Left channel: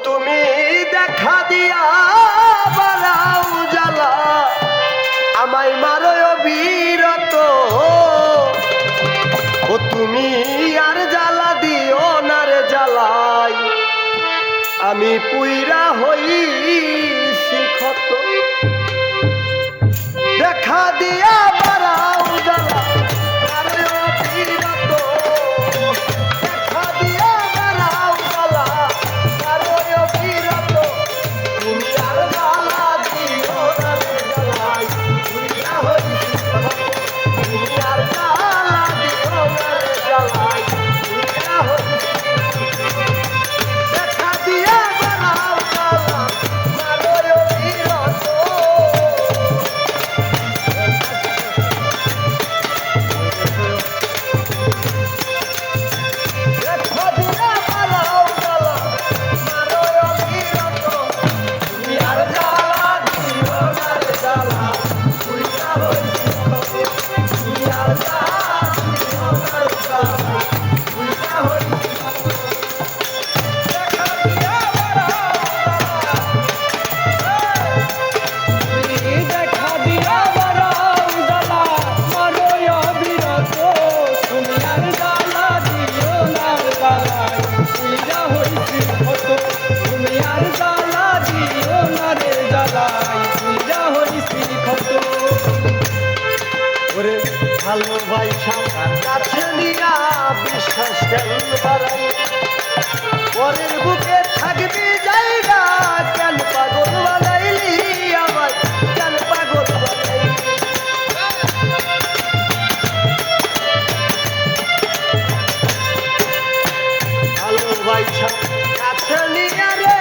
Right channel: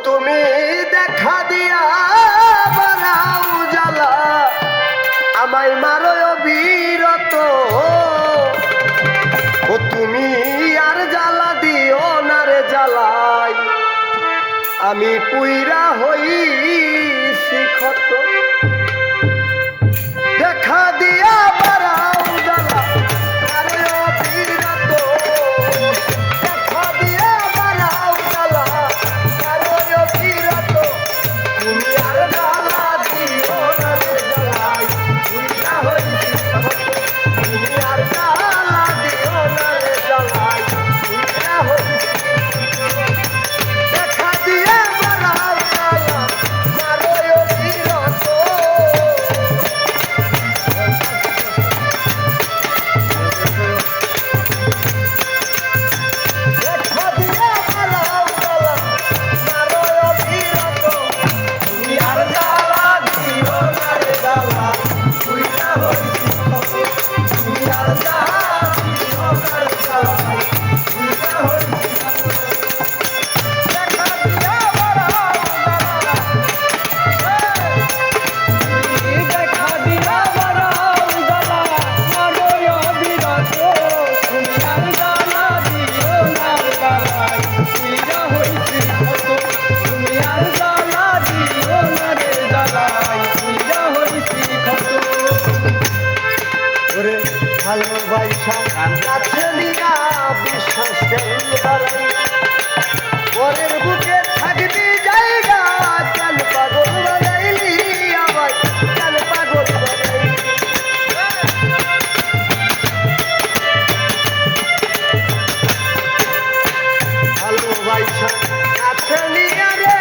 তুমি দেখা দিয়া বাড়াও জ্বালা আমায় মারো অবিরত তুমি আর জ্বালা দিও না রে জ্বালাই আমি পুইরা হইছি ক্ষত দেখা দিয়া বাড়াও জ্বালা আরে অবিরত দেখা দিয়া বাড়াও জ্বালা আরে অবিরত তুমি আর জ্বালা দিও না রে জ্বালাই পুইরা হইছি ক্ষত তুমি আর জ্বালা দিও না রে জ্বালাই পুইরা হইছি দেখা দিয়া বাড়াও জ্বালা মারো অবিরত ভালোবাসা কাছে নিয়া বিশ্বাস বাড়াই পরের বুকে থাকবি জায়গা কেন পাগল বানাইলি আমায় কেন পাগল বানাইলি ভালোবাসা কাছে নিয়া রে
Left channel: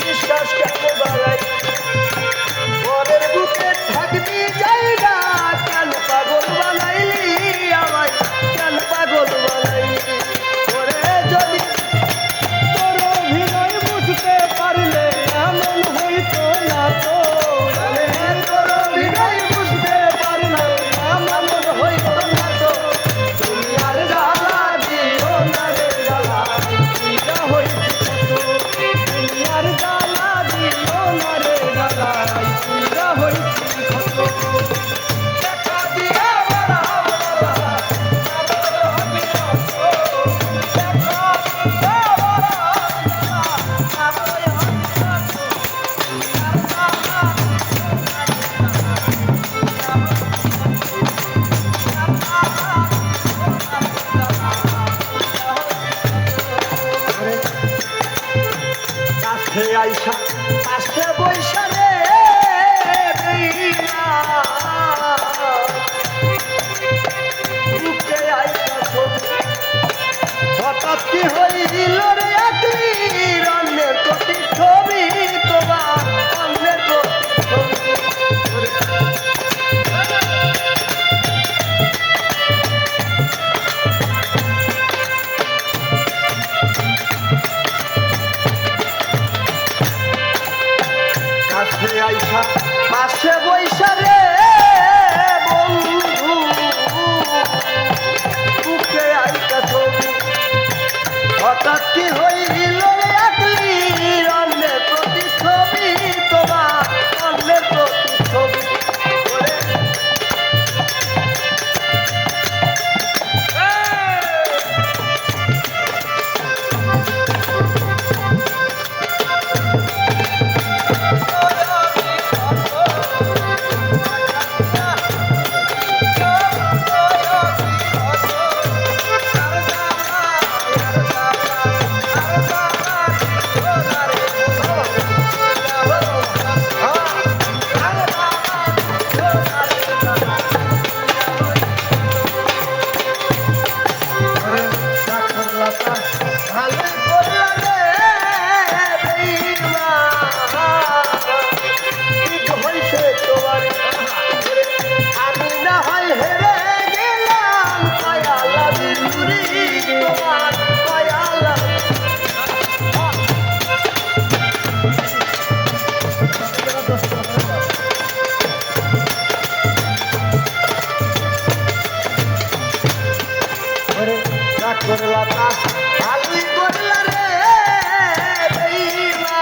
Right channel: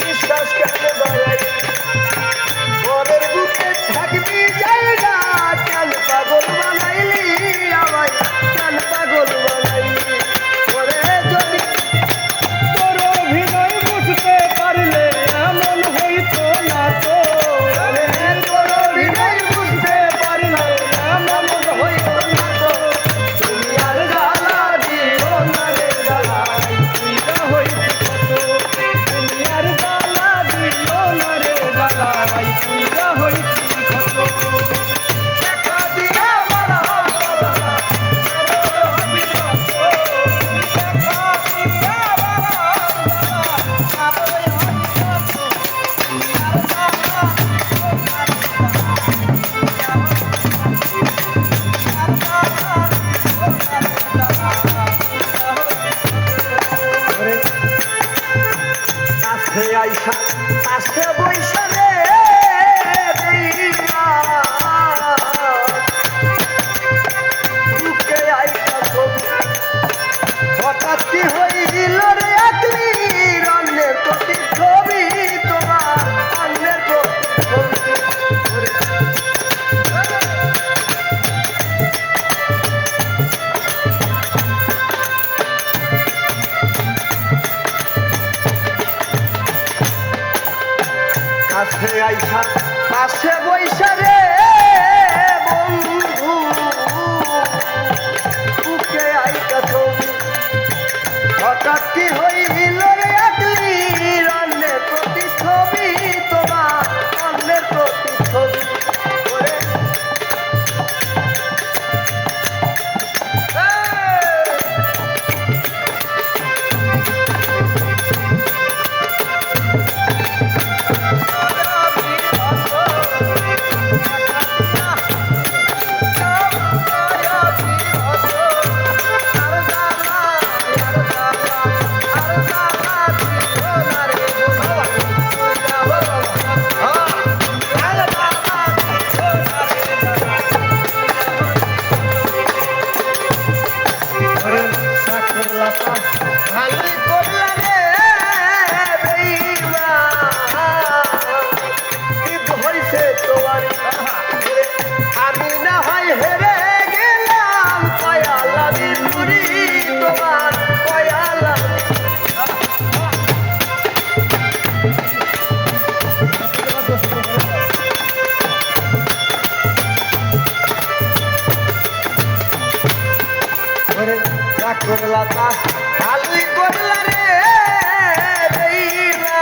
বিশ্বাস কেন বাড়াই পরের বুকে থাকবি জায়গা কেন পাগল বানাইলি আমায় কেন পাগল বানাইলি পরে যদি তোর অভিনয় বুঝতে পারলে এমন হইতো না তো তোর অভিনয় বুঝতে পারলে এমন হইতো না তো তুমি আর জ্বালা দিও না রে জ্বালাই তুইরা হইছি কত তুমি আর জ্বালা দিও না রে জ্বালাই তুইরা হইছি কত দেখা দিয়া বাড়াও কাছে আইসা কাছে বৈশা রে বুকে আইসা ছবি হঠাৎ কি হইল রে আত্মীর অন্যের প্রতি ছবি তোমার অন্যের প্রতি কাছে আইসা কাছে বৈশা রে বন্ধু বুকে আইসা ছবি হঠাৎ কি হইল রে আকলির অন্যের প্রতি ছবি তোমার অন্যের প্রতি ছবি আমি না হয় হেরে গেলাম পায়ালা বিন্দুরি তোমার পায়ালা করলা তা ভালোই করলা রে দেইলা